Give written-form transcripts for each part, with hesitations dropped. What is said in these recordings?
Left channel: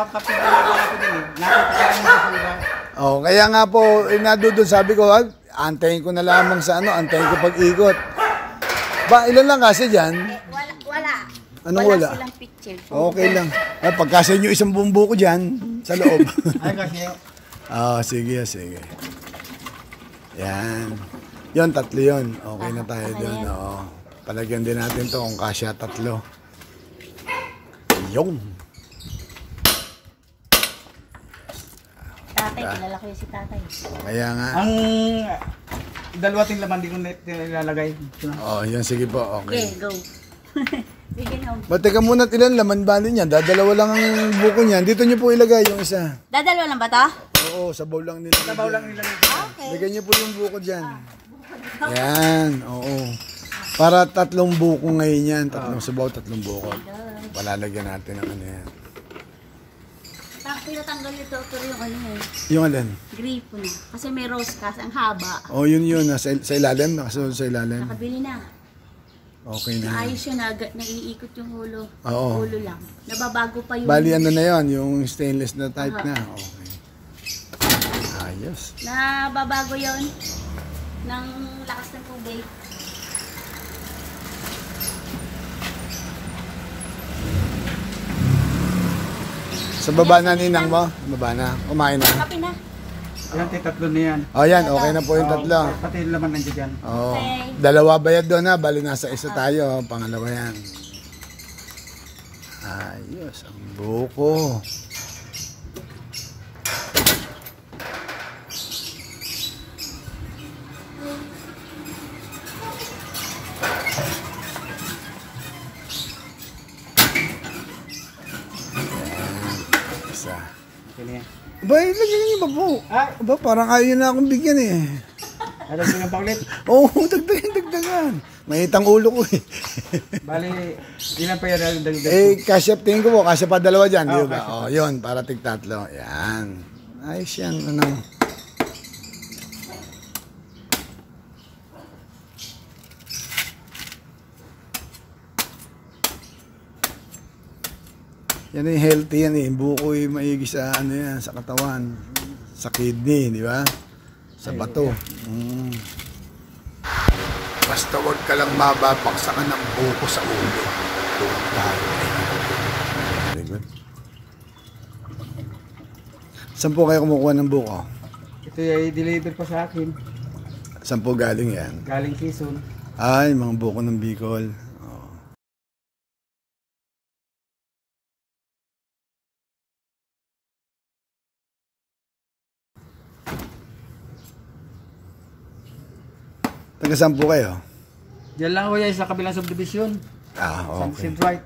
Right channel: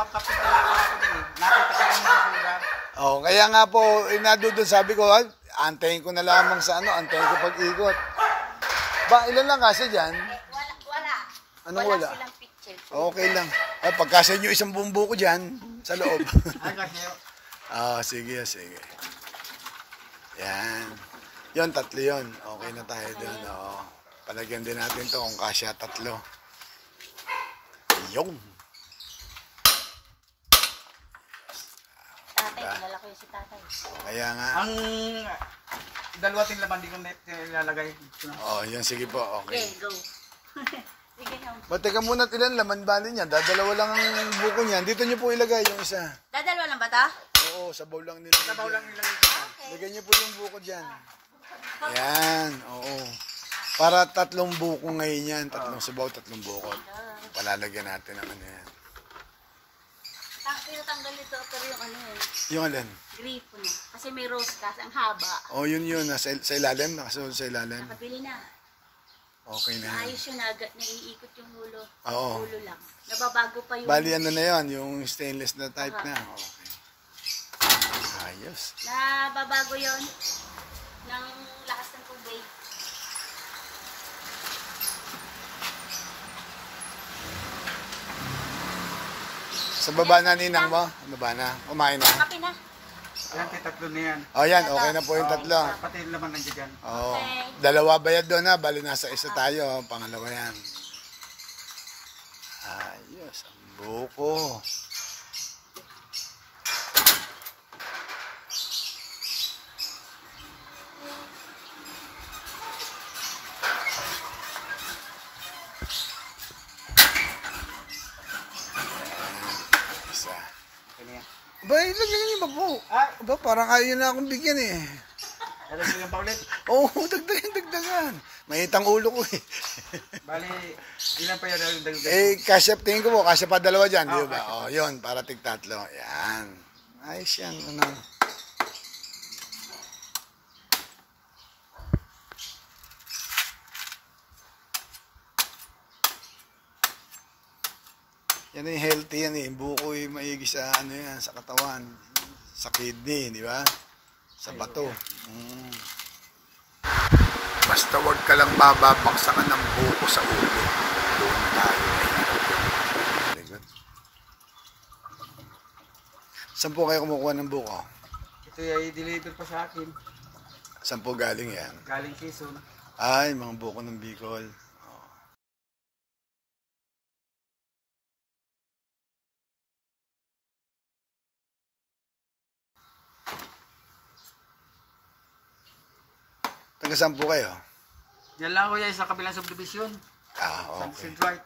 pangkapit na ako din eh. Nakita ko yung basura. Oh, kaya nga po, nadudod sabi ko, antayin ko na lamang sa ano, antayin ko pag-ikot. Ba, ilan lang kasi dyan? Wala. Anong wala? Wala silang picture. Okay lang. Ay, pagkasa nyo isang bumbu ko dyan, sa loob. Ay, kasi Sige, sige. Yan. Yun, tatlo yun. Okay na tayo doon. Oo. Palagyan din natin to kung kasya tatlo. Yung. Tatay, kilala ko yung si tatay. Kaya nga. ang dalawa ting laman di ko nilalagay. Yun, sige po. Okay. Okay, go. Sige na. Ba't teka muna, ilan laman bali niya? Dadalawa lang ang buko niyan. Dito niyo po ilagay yung isa. Dadalawa lang ba ito? Oo, sabaw lang nila. Sabaw lang nilagay. Okay. Lagyan niyo po yung buko dyan. Yan, oo. Para tatlong buko ngayon yan. Tatlong sabaw, tatlong buko. Palalagyan natin ang ano yan. Tinatanggal ito pero yung ano eh. Yung alin? Gripo na. Kasi may rose kasi ang haba. Yun. Sa ilalim. Nakasunod sa ilalim. Nakabili na. Okay na. Ayos yun na. Naiikot yung ulo. Oo. Ulo lang. Nababago pa yung... Bali ano na yon, yung stainless na type na. Okay. Ayos. Nababago yon ng lakas ng tubig. Sa baba na ninang mo? Baba na. Kumain na. Kape na. Yan, tatlo na yan. Yan. Okay na po yung tatlo. Pati yung laman nandiyan dyan. Dalawa bayad doon na. Bali nasa isa tayo. Pangalawa yan. Ayos. Ang buko. Isa. Okay na yan. Ba, lagyan niyo ba po? Ay! Ba, parang ayaw na akong bigyan eh. Alam mo yung paulit? Oo, dagdagan. Mahitang ulo ko eh. Bali, ilan pa yan? Kasya, tingin ko po, kasya pa dalawa dyan, di ba? kasya pa. Yun, para tig-tatlo. Yan. Ayos yan, ano. Yan yung healthy yan eh. Buko yung maigi sa ano yan, sa katawan. Sa kidney, di ba? Sa bato. Basta huwag ka lang mababaksakan ng buko sa ulo. Very good. Saan po kayo kumukuha ng buko? Ito ay deliver pa sa akin. Saan po galing yan? Galing Quezon. Ay, mga buko ng Bicol. Taga saan po kayo? Diyan lang ako yan sa kabilang subdivision. Okay. Sunset Right.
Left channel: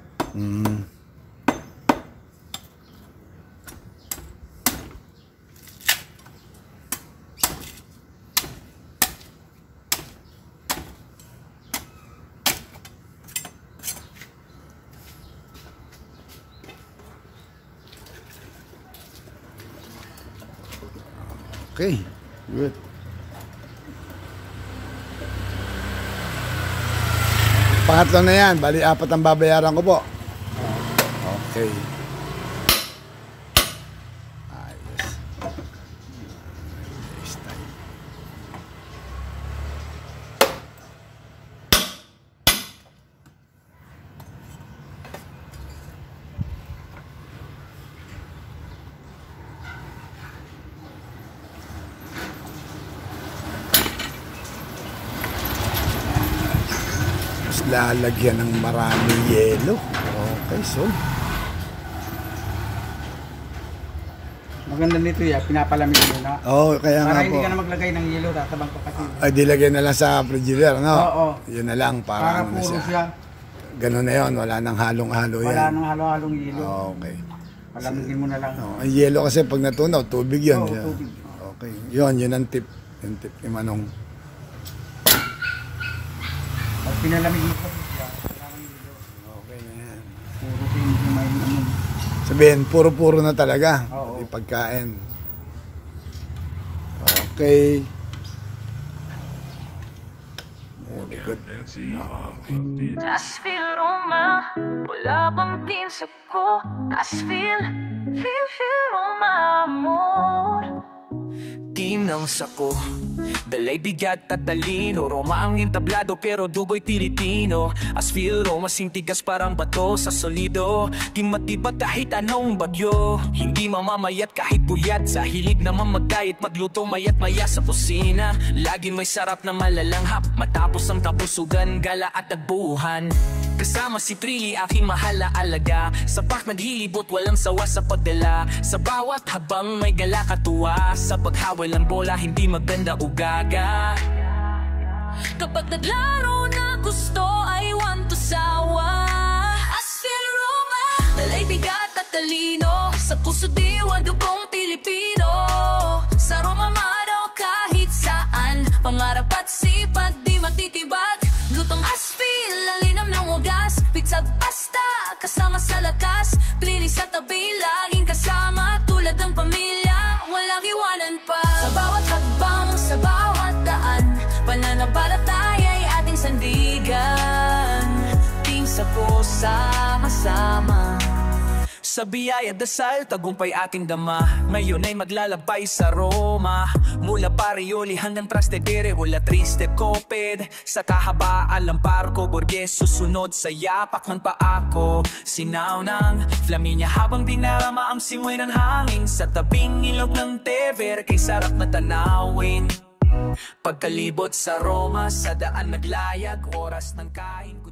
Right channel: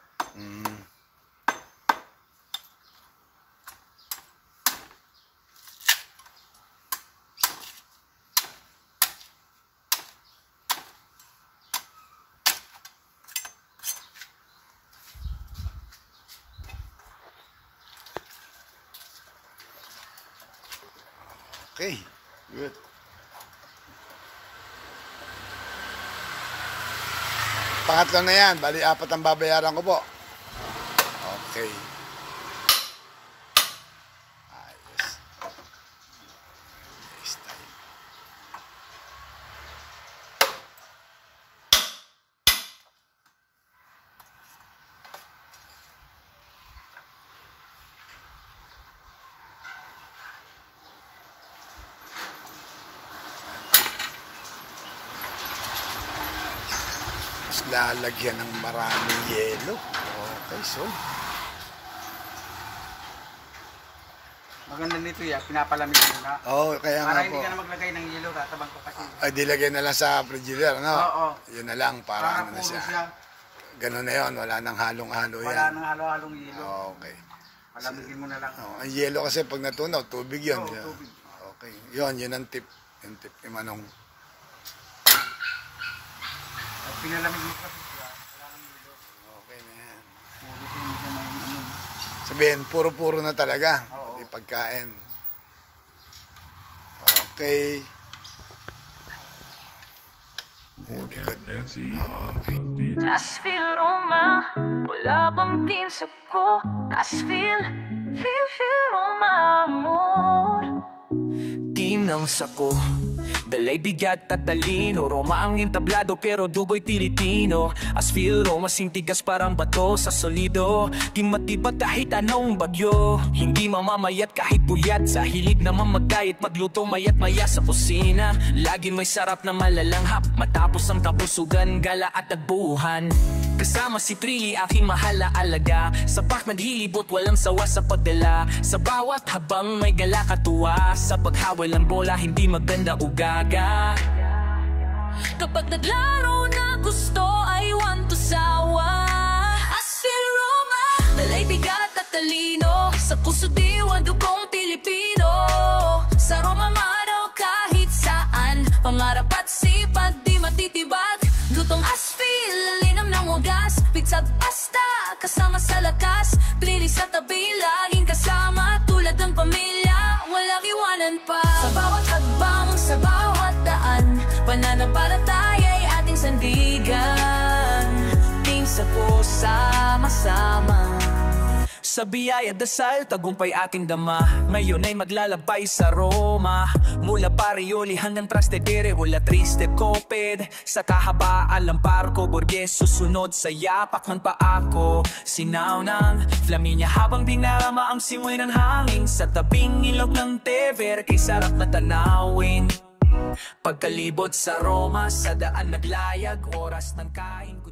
Okay, good. Pangatlo na yan, bali 4 ang babayaran ko po. Okay. Ayos. This time. Lalagyan ng maraming yelo. Okay, so. Maganda nito yan, pinapalamig muna. Kaya nga po. Para hindi ka na maglagay ng yelo, tatabang ko kasi. Ay, dilagay na lang sa frigidaire, no? Oo. Yun na lang, para ano na puro siya. siya. Ganun na yun, wala nang halong-halo yan. Wala nang halo-halong yelo. Okay. Palamigin mo na lang. Ang yelo kasi pag natunaw, tubig yun. Tubig. Okay. Yun ang tip. Yung tip ni Manong. Pag pinalamig mo sa siya, wala nang yelo. Okay na yan. Puro hindi may ano. Sabihin, puro-puro na talaga. Oo. Pati pagkain. Okay. Good. Asfil Roma, wala bang pinsap ko? Asfil, Tinang sako, dalay bigat at talino. Roma ang entablado pero dugo'y Pilipino. Asfil, Roma sintigas parang bato sa solido. Di matibat kahit anong bagyo. Hindi mamamayat kahit buyat. Sa hilig naman magkayat magluto mayat maya sa kusina. Lagi may sarap na malalanghap. Matapos ang kabusugan, gala at tagbuhan. Kasama si Trilly, aking mahal na alaga. Sapak naghilibot, walang sawa sa pagdala. Sa bawat habang may gala katuwa. Sa paghawal ng bola, hindi maganda ugaga. Kapag naglaro na gusto, I want to sawa. Asfil Roma, dalay bigat at talino. Sa puso diwa, dugong Pilipino. Sa Roma mano kahit saan. Pangarap at sipag, di matitibag. Lutong asfil, lalinam ng wagas. Pitsag pasta, kasama sa lakas. Trilly sa tabi, laging kasama. Tulad ng pamilya, walang iwanan pa. Sa bawat hagbang, sa bawat daan, pananampalataya'y ating sandigan. Team sa po, sama-sama. Sa biyaya dasal, tagumpay ating dama. Ngayon ay maglalabay sa Roma. Mula Parioli hanggang Trastevere, wala triste koped. Sa kahabaan ng barko, Borges susunod sa yapak ng paako. Sinaw ng Flaminia habang dinarama ang simoy ng hangin. Sa tabing ilog ng Tevere, kay sarap na tanawin. Pagkalibot sa Roma, sa daan naglayag, oras ng kain.